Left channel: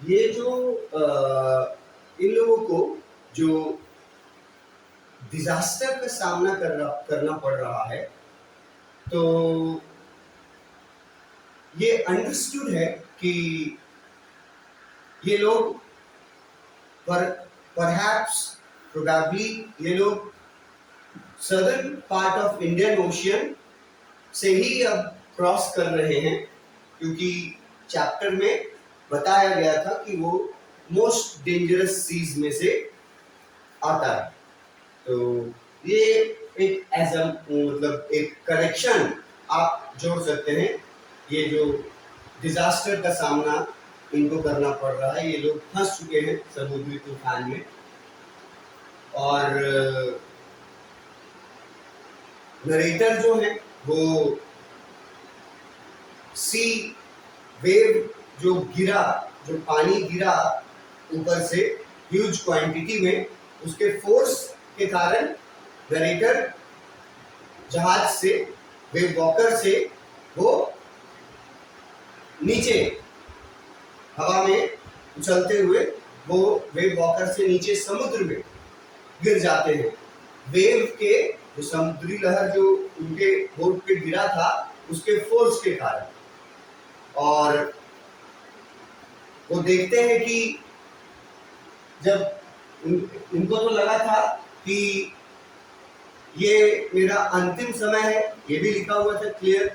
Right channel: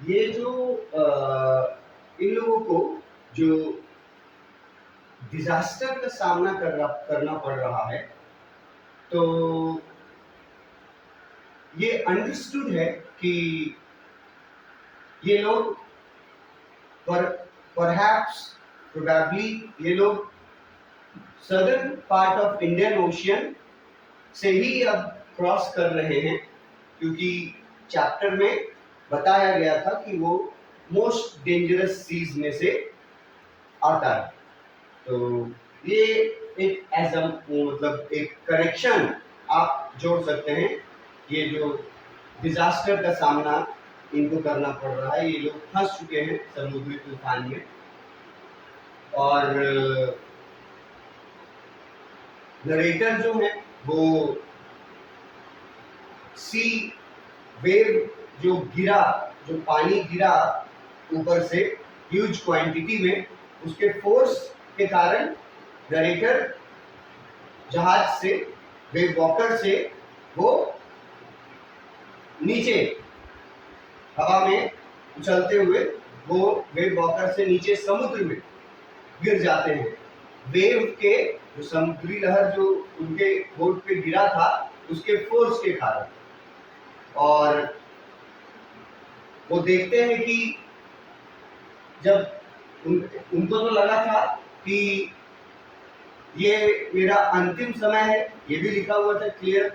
ये जो इन लोगों को जो डिजास्टर का सामना करना पड़ रहा है, तो ये अंडरस्टूड है कि ये लोग परहैप्स प्रोबेबली ये लोग southern part of Indian ocean से ही अब क्रॉस कर रहे हैं, क्योंकि चैप्टर में बताया गया था कि वो मोस्ट डेंजरस सीज में से आता है। तो ये एक मतलब एक कनेक्शन आप जोड़ सकते हैं। ये जो डिजास्टर का सामना इनको करना पड़ रहा है, ये लोग फंस चुके हैं समुद्री तूफान में, और नरेटर जो है वो सी वेव जो पानी गिरा ऊपर से ह्यूज क्वांटिटी में, उसके फोर्स के कारण नरेटर जहाज से वेव वॉकर से वो नीचे हवा में उछलते हुए वो वेव वॉकर से नीचे समुद्र में गिर जाते हैं। वेव के जो समुद्री लहर जो उनके बोट पे गिरा था उसके फोर्स के कारण, और वो देखते हैं कि जब उनको तो लगा था कि ये मेरा अंतिम समय है, ये भी लिखा हुआ था क्लियर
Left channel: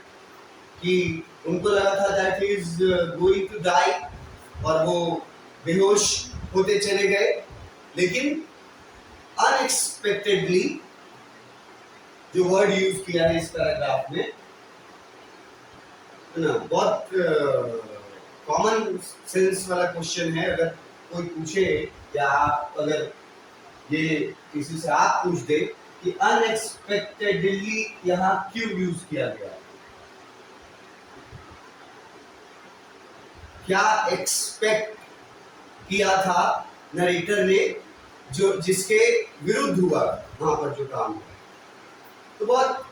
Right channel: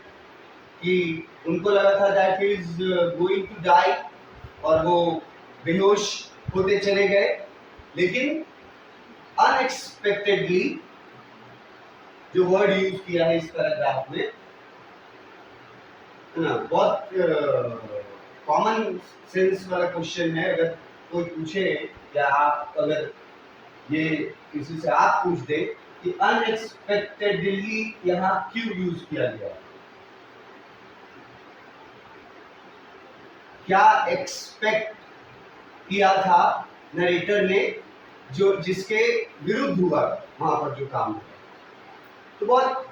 कि उनको लगा था that is going to die, और वो बेहोश होते चले गए। लेकिन अनएक्सपेक्टेडली जो वर्ड यूज किया है इस पैराग्राफ में, ना, बहुत कॉमन सेंस वाला क्वेश्चन है। अगर कोई पूछे या आप अगर ये किसी से आप पूछ दे कि अनएक्सपेक्टेडली यहाँ क्यों यूज किया गया, क्या एक्सपेक्ट किया था नरेटर ने जो जिसके विरुद्ध हुआ वहां पर जो काम हुआ, तो बहुत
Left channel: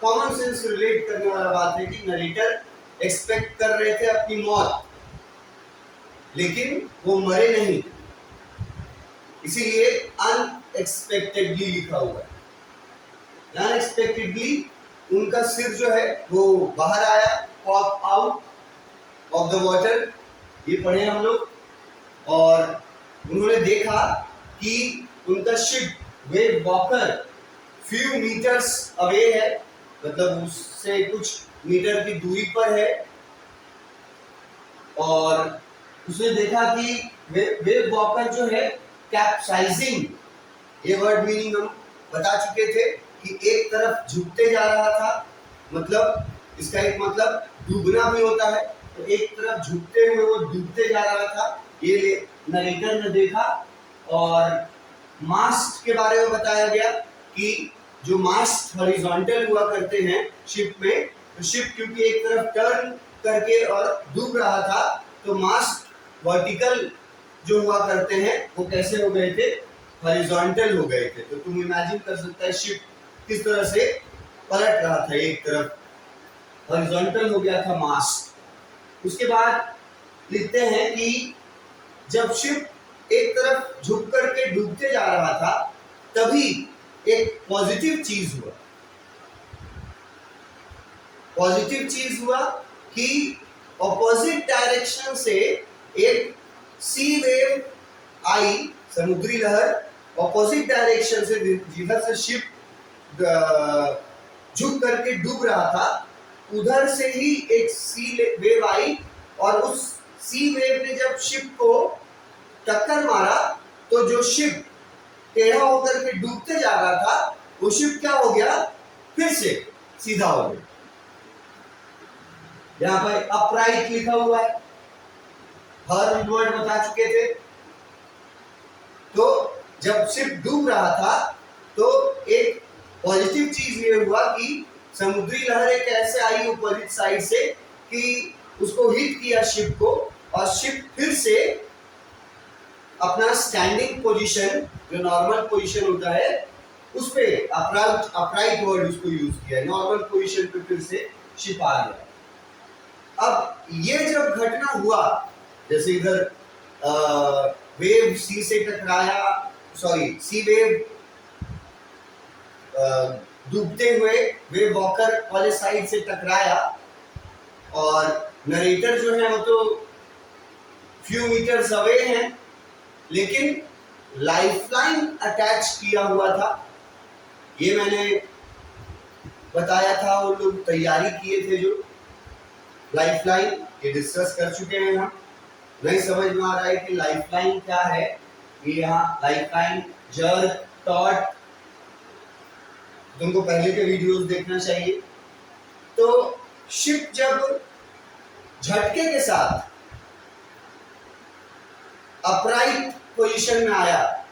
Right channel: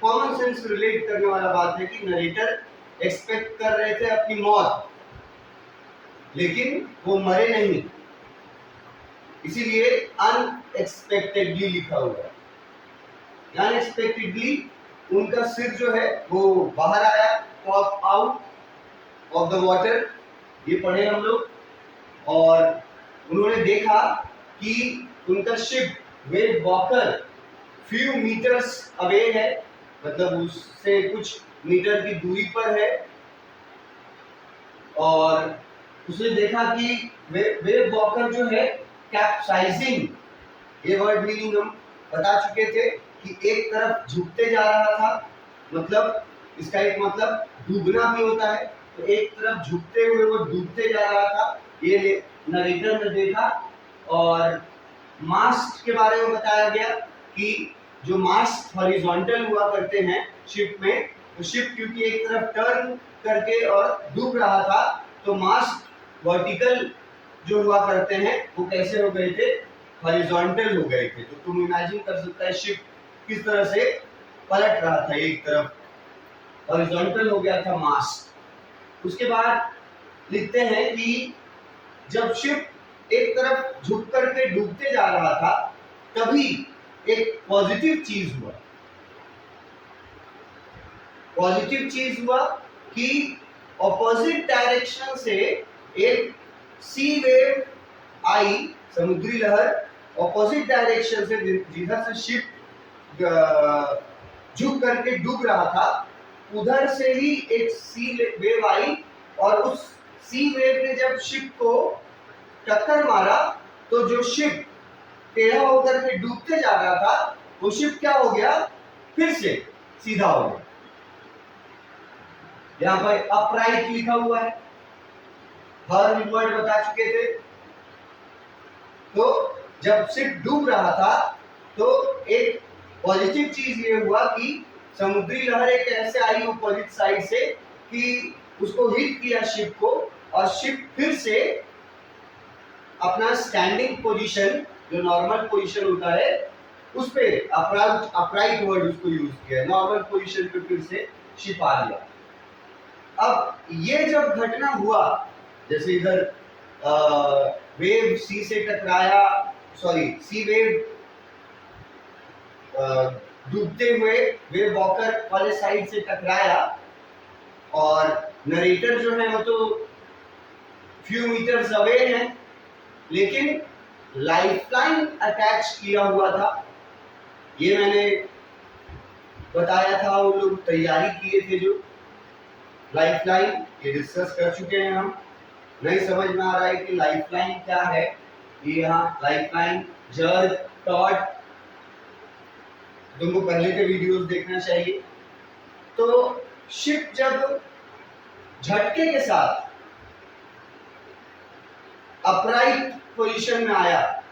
कॉमन सेंस रिलेट करने वाला बात है कि नरेटर एक्सपेक्ट कर रहे थे अपनी मौत, लेकिन वो मरे नहीं, इसीलिए अनएक्सपेक्टेडली लिखा हुआ है। अनएक्सपेक्टेडली उनका सिर जो है वो बाहर आया, pop out of the water, ये पढ़े हम लोग, और उन्होंने देखा कि उनका ship Wave Walker few meters away है, मतलब उससे कुछ मीटर की दूरी पर है, और उसने देखा कि वेव वॉकर जो है कैप्साइजिंग, ये वर्ड मीनिंग हम बता चुके थे कि एक तरफ झुकते जा रहा था, मतलब इसका एक मतलब डूबना भी होता है, तो एक तरफ झुकते हुए वो डूबते जा रहा था, ये नरेटर ने देखा। और मास्ट के बारे में बताया गया कि जो मास्ट हॉरिजॉन्टल हुआ करते हैं शिप में, तो शिप क्योंकि एक तरफ टर्न करके और डूब रहा था, तो मास्ट वर्टिकल जो हुआ करते हैं वो कैसे हो गए थे, हॉरिजॉन्टल हो गए थे। तो तुम इमेजिन कर सकता है शिप किस तरह से पलट रहा था, एक तरफ हॉरिजॉन्टल हो गया था मास्ट। उसके बाद लिखते हैं कि जब शिप एक तरफ झुक करके डूबते जा रहा था, तभी एक पॉजिटिव चीज हुआ। पॉजिटिव चीज हुआ कि ऑपोजिट डायरेक्शन से एक सी वेव आई, समुद्री लहर ऑपोजिट डायरेक्शन से, जिधर से शिप झुक करके डूब रहा था उधर से ही एक सी वेव आई, और उस सी वेव ने जब शिप को टक्कर मारा तो जो शिप टेढ़ा होकर के डूबते जा रहा था वो शिप क्या हो गया, फिर से सीधा हो गया। यहाँ पर अपराइट लिखा हुआ है, हर वर्ड बता चुके थे। तो जब शिप डूब रहा था तो एक पॉजिटिव चीज ये हुआ कि समुद्री लहर एक ऐसे आई अपोजिट साइड से कि उसको हिट किया शिप को, और शिप फिर से अपना स्टैंडिंग पोजीशन, जो नॉर्मल पोजीशन होता है, उस पे अपराइट वर्ड उसको यूज किया, नॉर्मल पोजीशन पे फिर से शिप आ गया। अब ये जब घटना हुआ जैसे इधर वेव सी से टकराया, सॉरी सी वेव डूबते हुए वेव वॉकर वाले साइड से टकराया, और नरेटर जो है वो तो फ्यू मीटर्स अवे हैं, लेकिन लाइफलाइन अटैच किया हुआ था। ये मैंने बताया था, वो लोग तैयारी किए थे जो लाइफलाइन, ये डिस्कस कर चुके हैं हम। नहीं समझ में आ रहा है कि लाइफलाइन क्या है, ये यहाँ लाइफलाइन जर्क टॉट, तुमको पहले के वीडियोस देखना चाहिए। तो शिप जब झटके के साथ अपराइट पोजीशन में आया,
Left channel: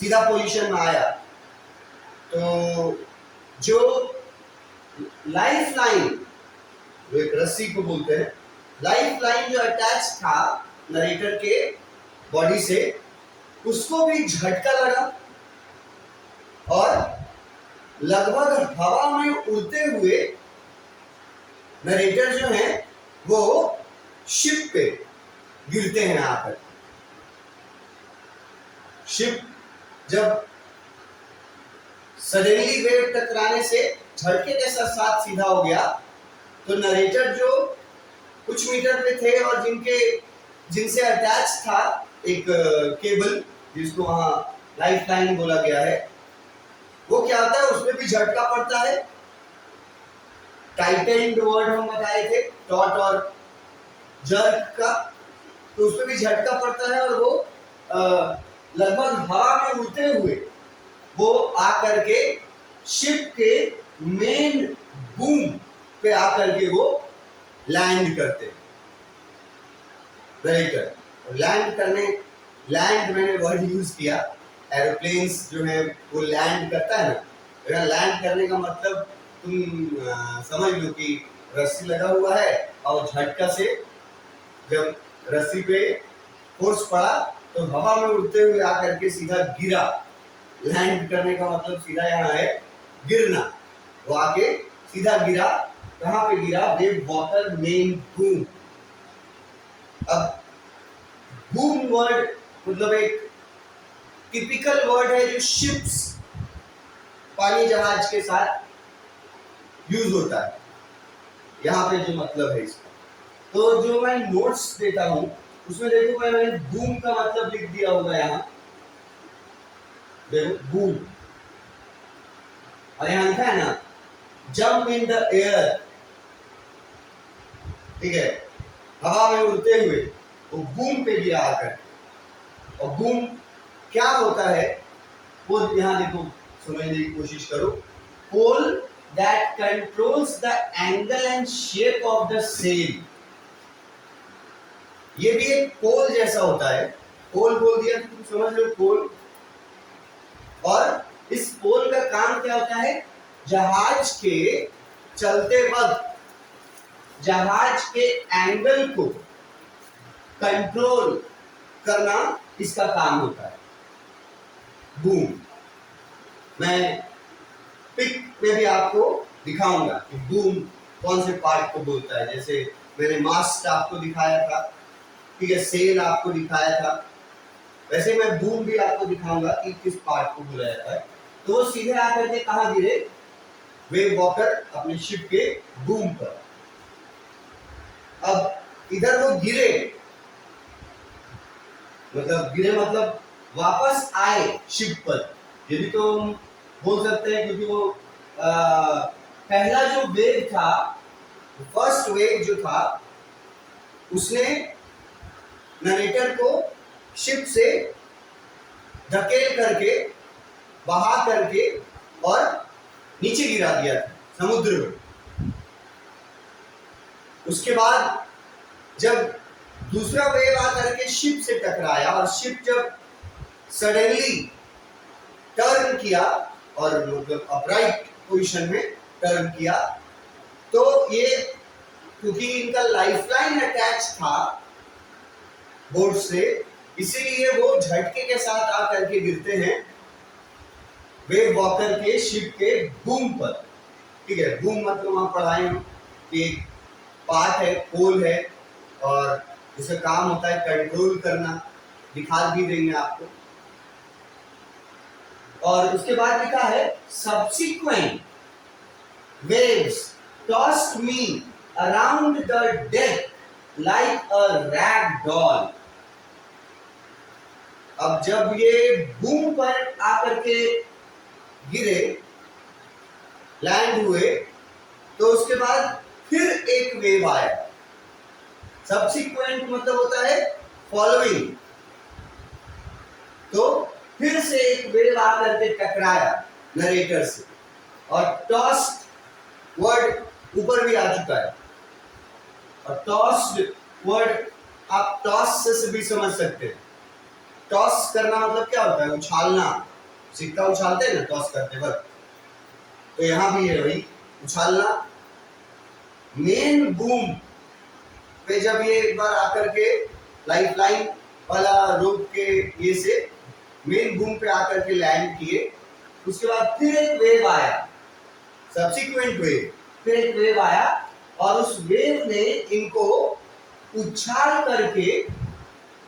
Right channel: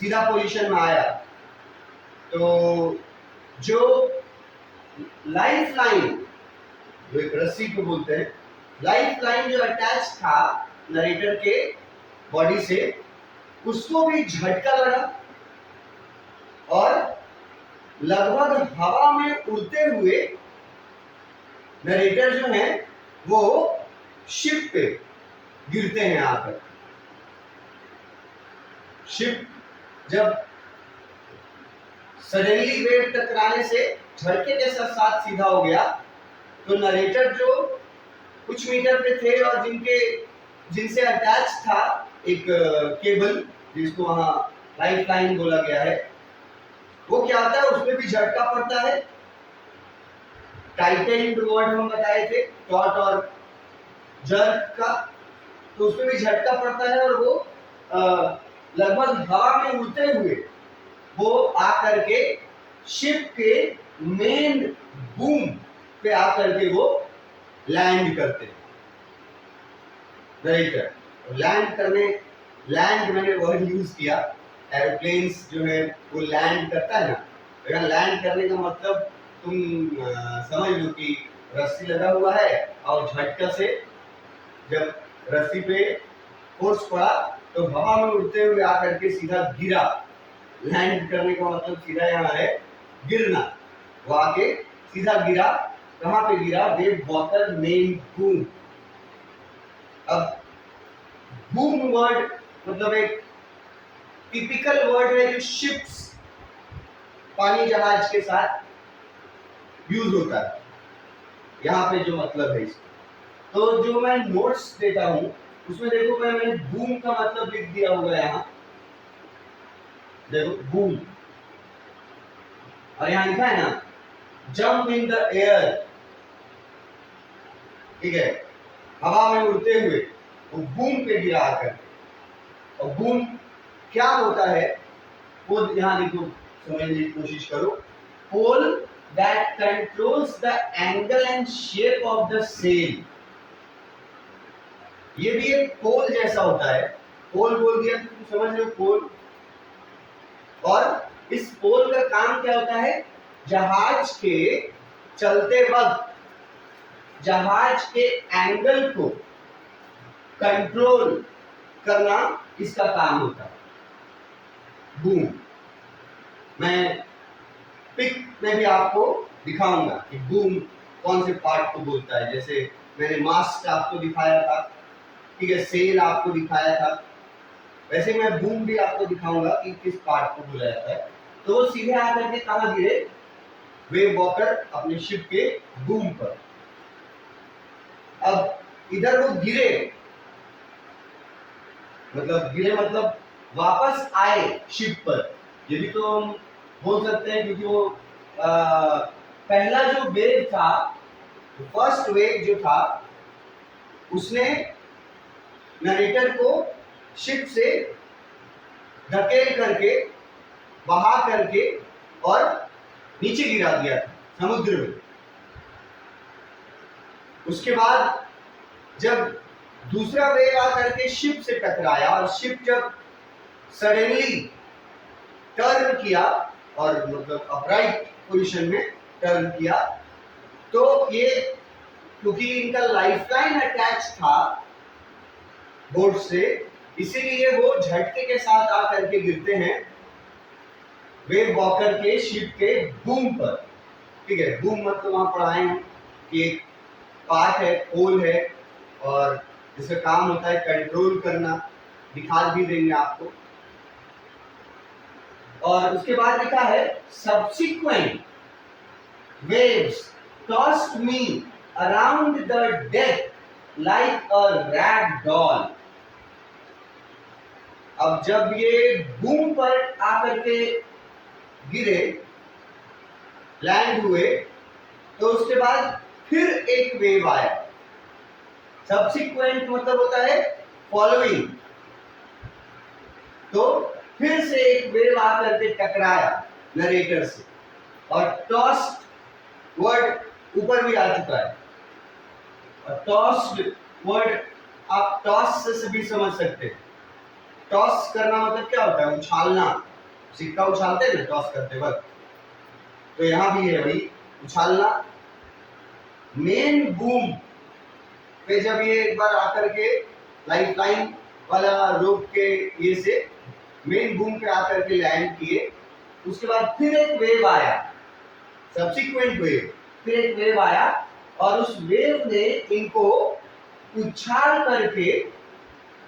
सीधा पोजीशन में आया, तो जो लाइफ लाइन, जो एक रस्सी को बोलते हैं, लाइफ लाइन जो अटैच था नरेटर के बॉडी से, उसको भी झटका लगा और लगभग हवा में उड़ते हुए नरेटर जो है वो शिप पे गिरते हैं आकर। शिप जब सडनली वेव टकराने से झटके के साथ सीधा हो गया, तो नरेटर जो कुछ मीटर पे थे और जिनसे अटैच था एक केबल, जिसको वहां लाइफ लाइन बोला गया है, वो क्या होता है, उसमें भी झटका पड़ता है। टाइटेंड वर्ड हम बताए थे टॉट और जर्क का, तो उसमें भी झटका पड़ता है, और वो लगभग हवा में उड़ते हुए वो आकर के शिप के मेन बूम पे आकर के वो लैंड करते हैं। नरेटर लैंड मैंने वर्ड यूज किया, एरोप्लेन्स जो है वो लैंड करता है ना, अगर लैंड करने का मतलब तुम समझ लो कि रस्सी लगा हुआ है और झटका से जब रस्सी पे फोर्स पड़ा तो हवा में उड़ते हुए आकर के सीधा गिरा। लैंड करने का मतलब सीधा यहाँ है गिरना, वो आके सीधा गिरा। कहाँ पे गिरा? Wave walker main boom. अब बूम वर्ड मतलब एक टिपिकल वर्ड है जो शिप्स, पानी जहाज के साथ यूज होता है। यहाँ पे जो मतलब है इसका, तो जो मैं नोट्स देता हूं उसमें देखो मैंने बूम का मतलब लिख दिया हुआ है यहाँ, देखो बूम, और यहाँ लिखा है ना जंप इन द एयर, ठीक है, हवा में उड़ते हुए वो बूम पे गिरा आकर। और बूम क्या होता है वो यहाँ देखो समझने की कोशिश करो। Pole that controls the angle and shape of the sail, ये भी एक पोल जैसा होता है। पोल बोल दिया तो तुम समझ लो पोल। और इस पोल का काम क्या होता है? जहाज के चलते वक्त जहाज के एंगल को कंट्रोल करना इसका काम होता है। बूम मैं पिक में भी आपको दिखाऊंगा कि बूम कौन से पार्ट को बोलता है। जैसे मैंने मास्ट आपको दिखाया था, ठीक है, सेल आपको दिखाया था, वैसे मैं बूम भी आपको दिखाऊंगा कि किस पार्ट को बोला जाता है। तो वो सीधे आकर के कहाँ गिरे? वेव वॉकर अपने शिप के बूम पर। अब इधर वो गिरे मतलब वापस आए शिप पर, ये भी तो हम बोल सकते हैं, क्योंकि वो पहला जो वेव था, फर्स्ट वेव जो था, उसने नरेटर को शिप से धकेल करके, बहा करके और नीचे गिरा दिया था समुद्र में। उसके बाद जब दूसरा वेव आकर के शिप से टकराया और शिप जब सडनली टर्न किया और मतलब अपराइट पोजीशन में टर्न किया, तो ये क्योंकि इनका लाइफलाइन अटैच था बोर्ड से, इसीलिए वो झटके के साथ आकर के गिरते हैं वेव वॉकर के शिप के बूम पर, ठीक है। बूम मतलब वहां पढ़ाए हम कि एक पार्ट है, पोल है और जिसका काम होता है कंट्रोल करना, दिखा भी देंगे आपको। और उसके बाद लिखा है subsequent waves tossed me around the deck like a rag doll. अब जब ये बूम पर आकर के गिरे, लैंड हुए, तो उसके बाद फिर एक वेव आया। सब्सिक्वेंट मतलब होता है फॉलोइंग, तो फिर से एक वेव आकर के टकराया नरेटर से, और टॉस्ड वर्ड ऊपर भी आ चुका है। और टॉस्ड वर्ड आप टॉस से भी समझ सकते हैं। टॉस करना मतलब क्या होता है? उछालना। सिक्का उछालते हैं ना टॉस करते वक्त, तो यहां भी है वही उछालना। मेन बूम पे जब ये एक बार आकर के लाइफ लाइन वाला रोप के ये से मेन बूम पे आकर के लैंड किए, उसके बाद फिर एक वेव आया, सब्सिक्वेंट वेव, फिर एक वेव आया, और उस वेव ने इनको उछाल करके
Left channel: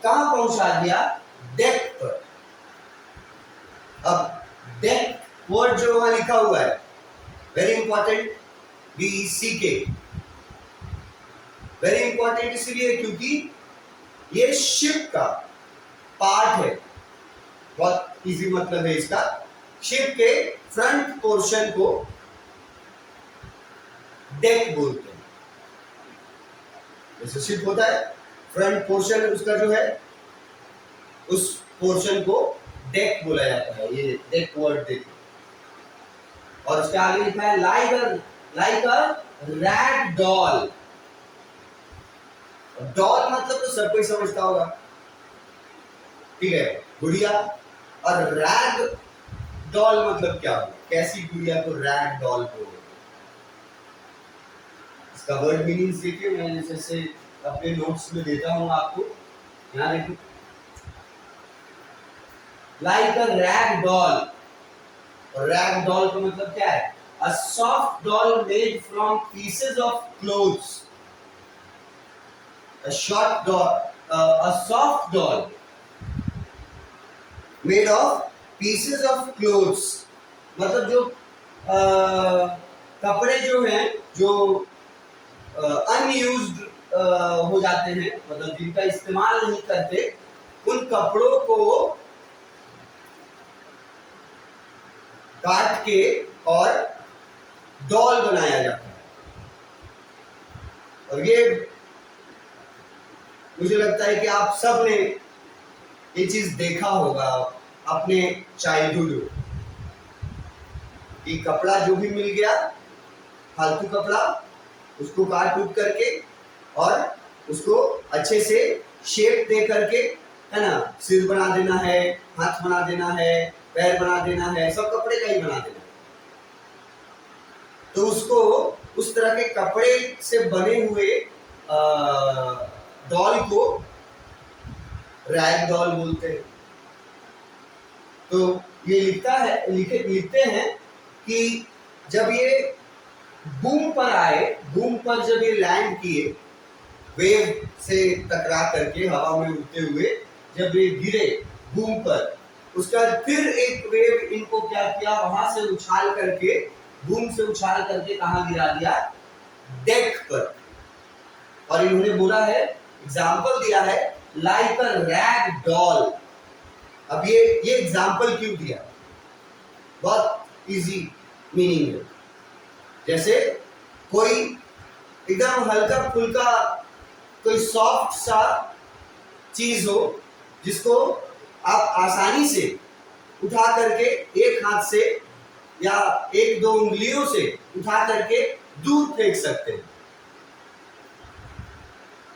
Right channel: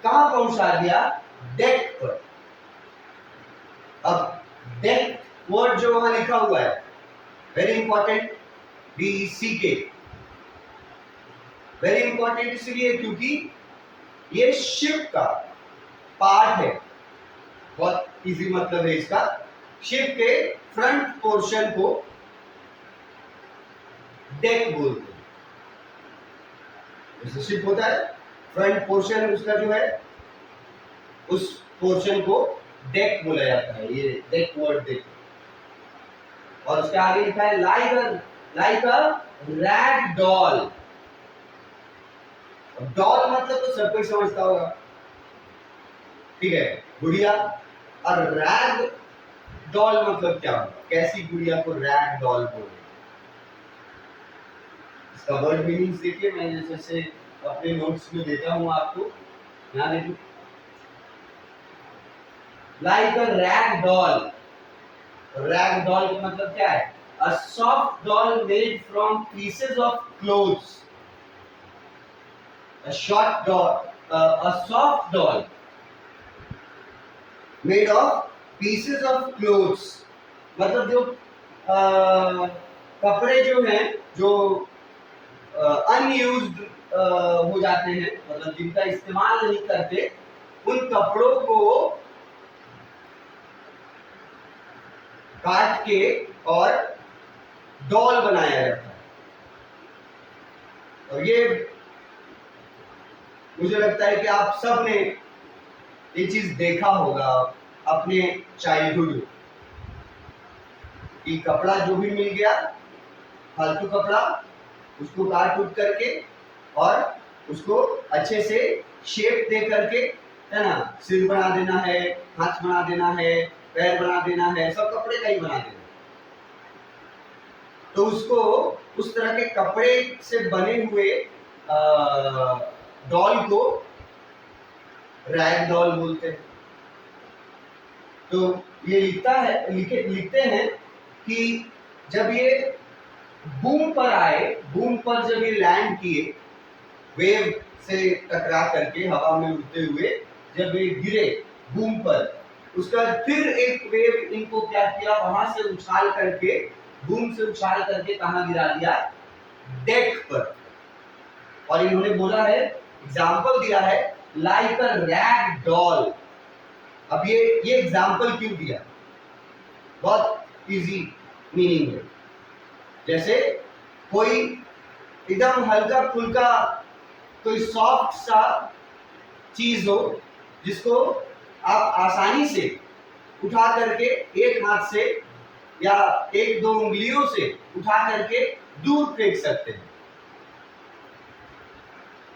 कहां पहुंचा दिया? डेक पर। अब डेक वर्ड जो वहां लिखा हुआ है, very important, DECK, very important इसलिए क्योंकि ये शिप का पार्ट है। बहुत इजी मतलब है इसका। शिप के फ्रंट पोर्शन को डेक बोलते हैं। जैसे शिप होता है, फ्रंट पोर्शन उसका जो है, उस पोर्शन को डेक बोला जाता है। ये डेक वर्ड देखो। और उसके आगे लिखा है like a rag doll. Doll मतलब तो सब कोई समझता होगा, ठीक है, गुड़िया। और रैग डॉल मतलब क्या होगा? कैसी गुड़िया को रैग डॉल बोलते? इसका वर्ड मीनिंग देखिए, मैं जैसे अपने नोट्स में देता हूं आपको। यहां देखिए, like a rag doll. Rag doll का मतलब क्या है? A soft doll made from pieces of clothes. A soft doll made of pieces of clothes। मतलब जो कपड़े जो हैं, जो अनयूज्ड हो जाते हैं, मतलब जिनका इस्तेमाल नहीं करते, उन कपड़ों को काट के और डॉल बनाया जाता है। और ये मुझे लगता है कि आप सब ने ये चीज देखा होगा अपने चाइल्डहुड में, कि कपड़ा जो भी मिल गया, फालतू कपड़ा, उसको काट कूट करके और उसको अच्छे से शेप दे करके, है ना, सिर बना देना है, हाथ बना देना है, पैर बना देना है, सब कपड़े का ही बना देना है। तो उसको उस तरह के कपड़े से बने हुए डॉल को रैग डॉल बोलते हैं। तो ये लिखते हैं कि जब ये बूम पर आए, बूम पर जब ये लैंड किए, वेव से टकरा करके हवा में उड़ते हुए जब ये गिरे बूम पर, उसका फिर एक वेव इनको क्या किया? वहां से उछाल करके, बूम से उछाल करके कहां गिरा दिया? डेक पर। और इन्होंने बोला है, एग्जाम्पल दिया है, लाइक अ रैग डॉल। अब ये एग्जाम्पल क्यों दिया? बहुत इजी मीनिंग है। जैसे कोई एकदम हल्का फुल्का कोई सॉफ्ट सा चीज हो, जिसको आप आसानी से उठा करके एक हाथ से या एक दो उंगलियों से उठा करके दूर फेंक सकते हैं।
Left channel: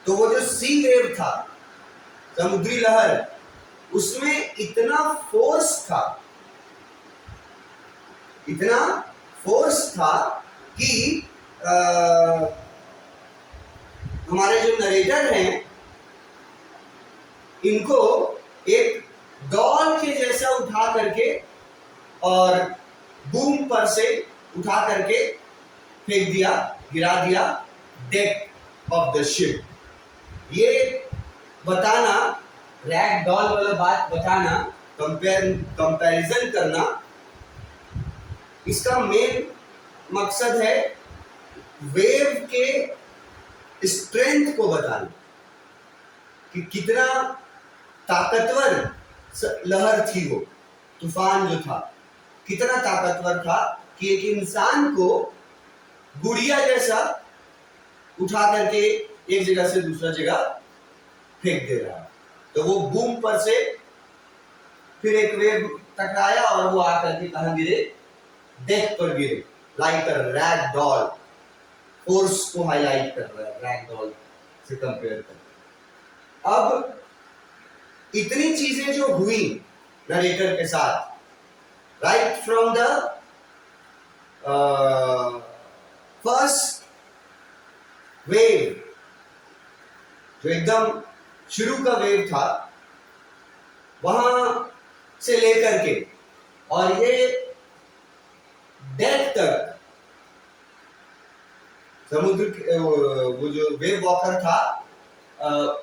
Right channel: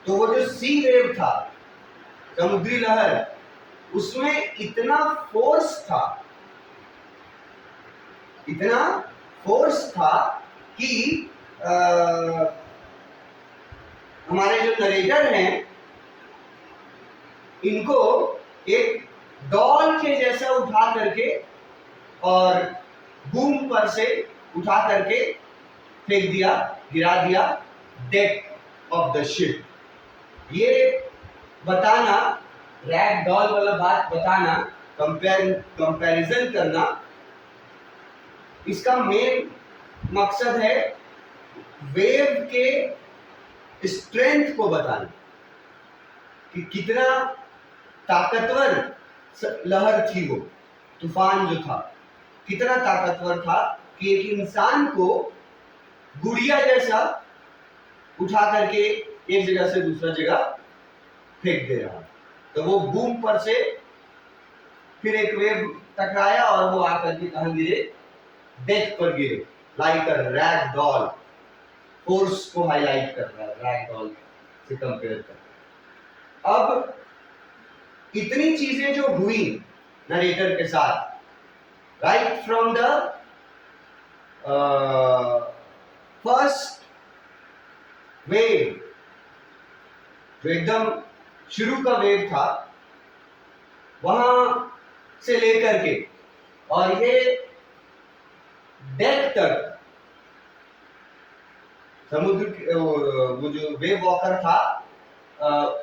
तो वो जो सी वेव था, समुद्री लहर, उसमें इतना फोर्स था कि हमारे जो नरेटर हैं, इनको एक डॉल के जैसा उठा करके और बूम पर से उठा करके फेंक दिया, गिरा दिया डेक ऑफ द शिप। ये बताना, रैग डॉल वाला बात बताना, कंपैरिजन करना, इसका मेन मकसद है वेव के स्ट्रेंथ को बताना कि कितना ताकतवर लहर थी, वो तूफान जो था कितना ताकतवर था कि एक इंसान को गुड़िया जैसा उठा करके एक जगह से दूसरा जगह फेंक दे रहा। तो वो बूम पर से फिर एक वेव टकराया और वो आकर के कहां गिरे, डेक पर गिरे, like a rag doll. Force को हाईलाइट कर रहा है रैग डॉल से कंपेयर कर। अब इतनी चीजें जो हुई नरेटर के साथ, right from the first wave, जो एकदम शुरू का वेव था, वहां से लेकर के और ये डेक तक, समुद्र वो जो वेव वॉकर था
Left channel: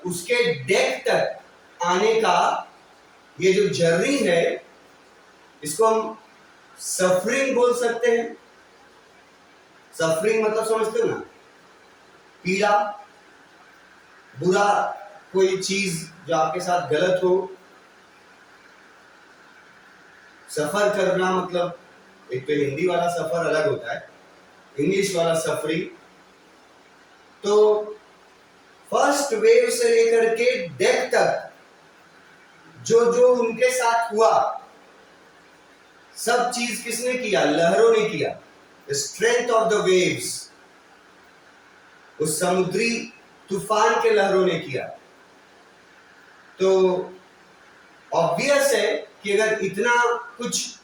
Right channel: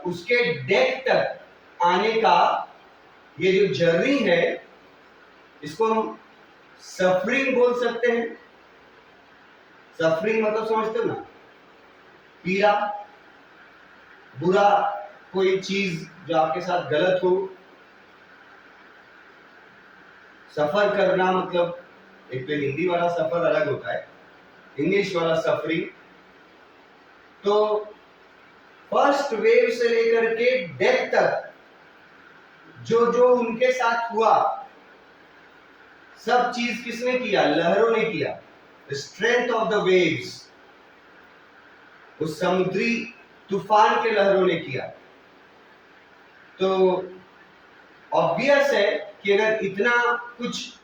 उसके डेक तक आने का ये जो जर्नी है, इसको हम सफरिंग बोल सकते हैं। सफरिंग मतलब समझते हो ना, पीड़ा, बुरा, कोई चीज जो आपके साथ गलत हो। सफर करना मतलब एक तो हिंदी वाला सफर अलग होता है, इंग्लिश वाला सफरिंग। तो फर्स्ट वेव से लेकर के डेक तक जो जो उनके साथ हुआ, सब चीज किसने किया? लहरों ने किया। स्ट्रेंथ ऑफ द वेव्स, उस समुद्री तूफान के लहरों ने किया। तो ऑब्वियस है कि अगर इतना कुछ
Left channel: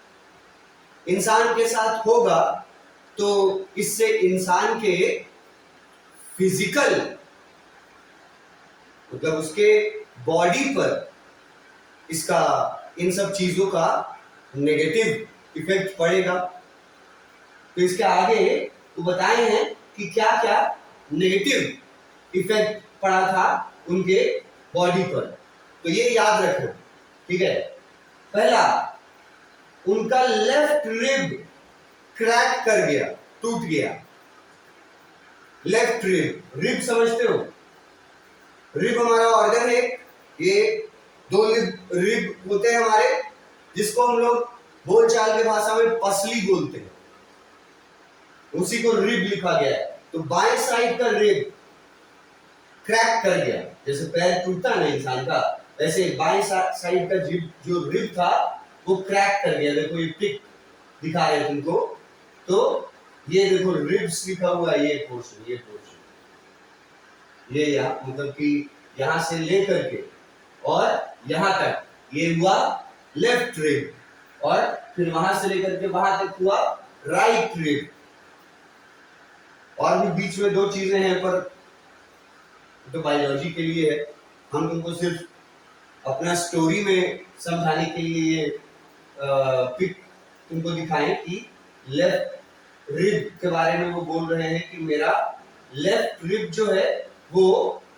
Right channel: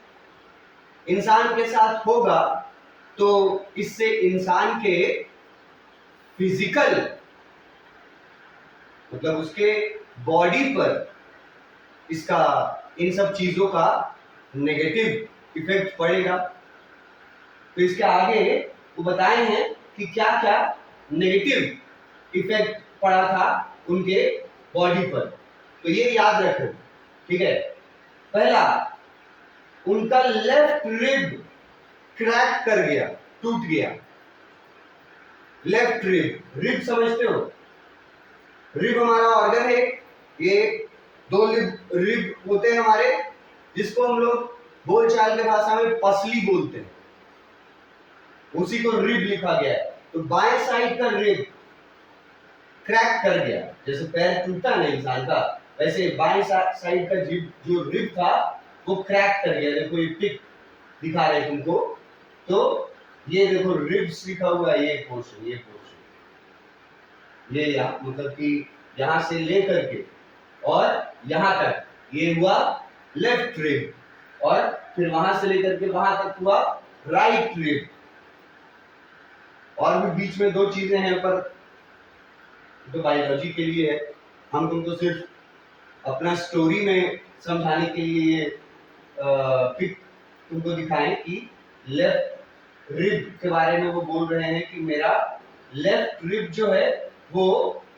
इंसान के साथ होगा तो इससे इंसान के फिजिकल, मतलब उसके बॉडी पर इसका, इन सब चीजों का नेगेटिव इफेक्ट पड़ेगा। तो इसके आगे वो बताए हैं कि क्या क्या नेगेटिव इफेक्ट पड़ा था उनके बॉडी पर। तो ये याद रखो, ठीक है। पहला, उनका लेफ्ट रिब क्रैक कर गया, टूट गया। लेफ्ट रिब, रिब समझते हो? रिब हमारा ऑर्गन है, ये दो रिब होते हैं हमारे, जिसको हम लोग बोलचाल की भाषा में पसली बोलते हैं, उसी को रिब लिखा गया है। तो बाएं साइड का रिब क्रैक कर गया, जैसे पैर टूटता है ना इंसान का, वैसे बाएं साइड का जो रिब था वो क्रैक कर गया। देखो ये पिक दिखा रहे हैं तुमको, तो ये देखो रिब्स लिखा हुआ है, ये पोर्शन, ये यहाँ, मतलब कि यहां से लेकर के और यहां तक ये हुआ लेफ्ट रिब, और फिर वहां से लेकर के वहां तक हुआ राइट रिब। और भी बीच में दो चीजें हैं, पर तो बायोलॉजी के लिए है, हम तुमको सिर्फ अपना स्टोरी में समझाने के लिए ये पिक तुमको दिखाएं कि लेफ्ट रिब के बारे में वो बोल रहे हैं कि मेरा लेफ्ट रिब जो है वो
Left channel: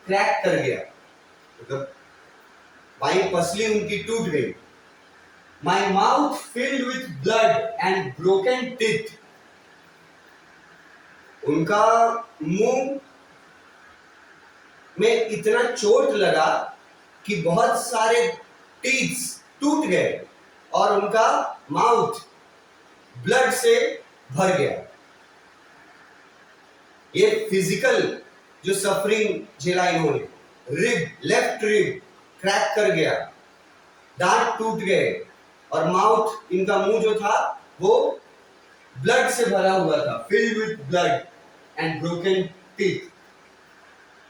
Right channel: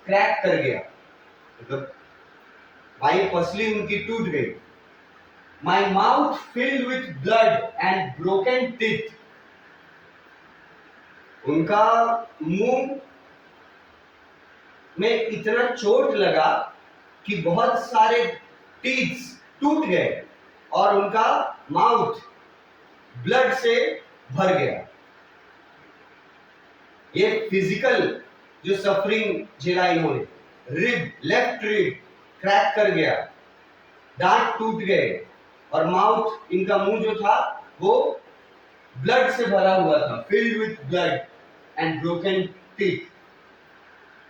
क्रैक कर गया, मतलब बाई पसली उनकी टूट गई। My mouth filled with blood and broken teeth, उनका मुंह में इतना चोट लगा कि बहुत सारे टीथ्स टूट गए और उनका माउथ ब्लड से भर गया। ये फिजिकल जो सफरिंग झेला इन्होंने, रिब, लेफ्ट रिब क्रैक कर गया, दांत टूट गए और माउथ, इनका मुंह जो था वो ब्लड से भरा हुआ था, filled with blood and broken teeth.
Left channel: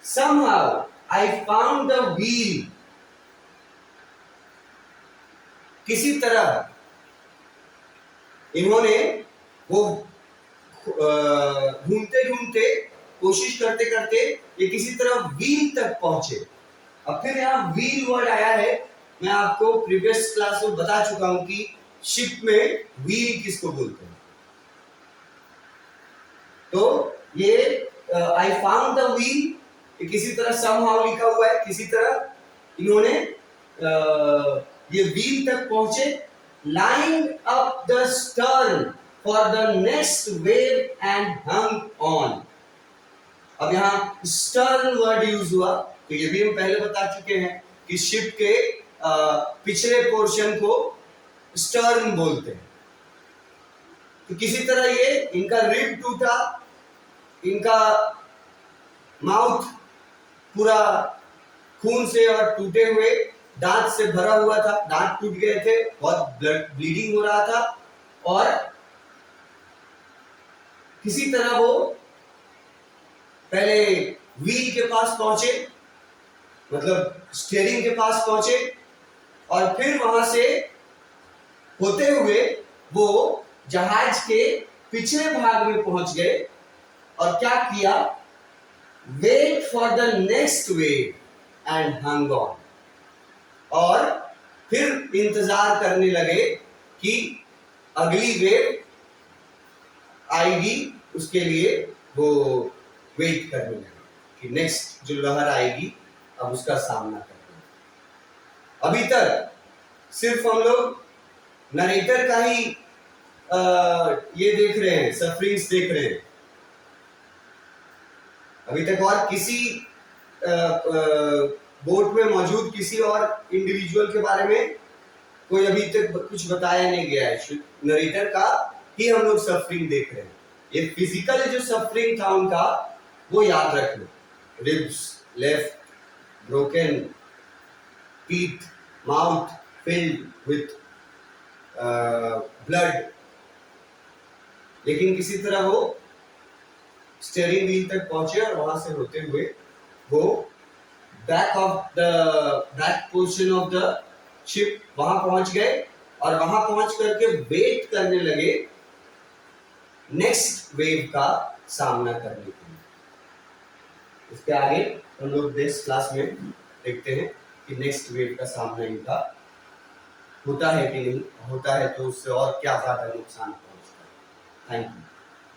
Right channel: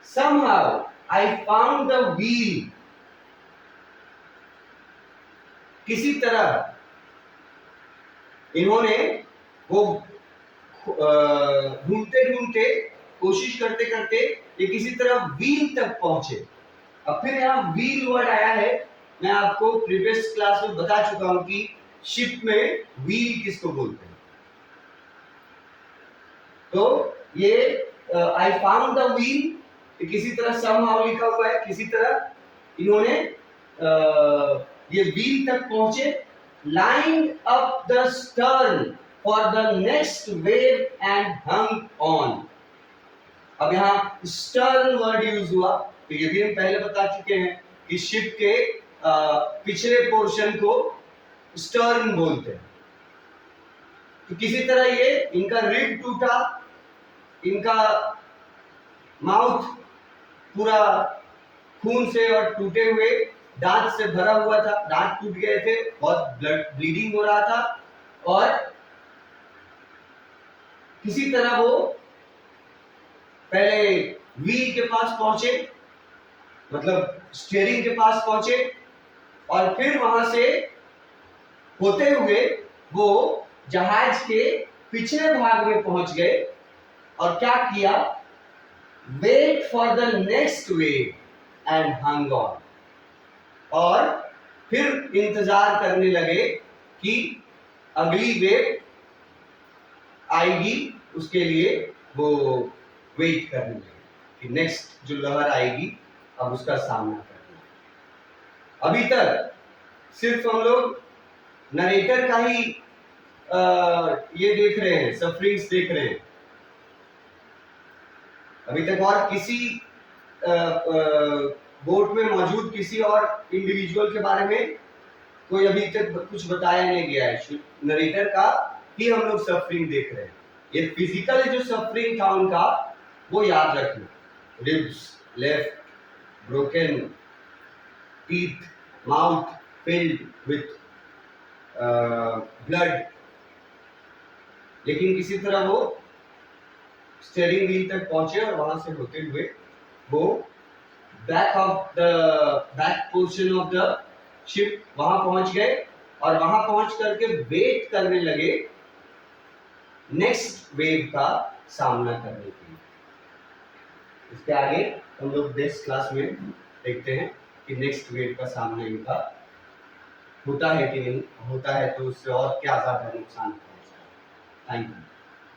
Somehow I found the wheel, किसी तरह इन्होंने वो ढूंढते ढूंढते, कोशिश करते करते ये किसी तरह व्हील तक पहुंचे। अब फिर यहाँ व्हील वर्ड आया है, मैं आपको प्रीवियस क्लास में बता चुका हूं कि शिप में व्हील किसको बोलते हैं। तो ये आई फाउंड द व्हील, किसी तरह somehow लिखा हुआ है, किसी तरह इन्होंने ये व्हील तक पहुंचे, line up the stern for the next wave and hung on. अब यहाँ स्टर्न वर्ड यूज हुआ, तो ये भी हम पहले बता चुके हैं कि शिप के पिछले पोर्शन को स्टर्न बोलते हैं। तो किसी तरह ये इनका रिब टूटा, इनका माउथ पूरा खून से और टूटे हुए दांत से भरा हुआ था, दांत टूट गए थे, बहुत ब्लड ब्लीडिंग हो रहा था, और किसी तरह वो पहले व्हील के पास पहुंचे, मतलब स्टीयरिंग के पास पहुंचे, और फिर वहां से होते हुए वो जहाज के पिछले भाग में पहुंच गए, और क्या किया, wait for the next wave and hung on, और फिर इंतजार करने लगे कि अगली वेव आएगी, उसके लिए वो वेट करने लगे कि नेक्स्ट जो लहर आएगी अब उसका सामना करना। अभी तक सिर्फ हम लोग नरेटर का ही ये देख रहे हैं, सफरिंग्स देख रहे हैं। अभी तक और किसी बोट में मौजूद किसी और इंडिविजुअल के बारे में कोई अभी तक कुछ बताया नहीं गया है। नरेटर का ही हम लोग सफरिंग देख रहे हैं। ये फिजिकल जो सफरिंग था उनका वो याद रखना, ribs left broken, teeth, mouth filled with blood, लेकिन किसी तरह वो स्टीयरिंग व्हील तक पहुंचे, और वहां से होते हुए वो back portion of the ship वहां पहुंच गए, और वहां पहुंच करके वेट करने लगे नेक्स्ट वेव का सामना करने के लिए। इसके आगे हम लोग नेक्स्ट क्लास में देखते हैं कि नेक्स्ट वेव का सामना इनका होता है कि नहीं होता है, तो उससे और क्या ज्यादा नुकसान पहुंचता है। Thank you.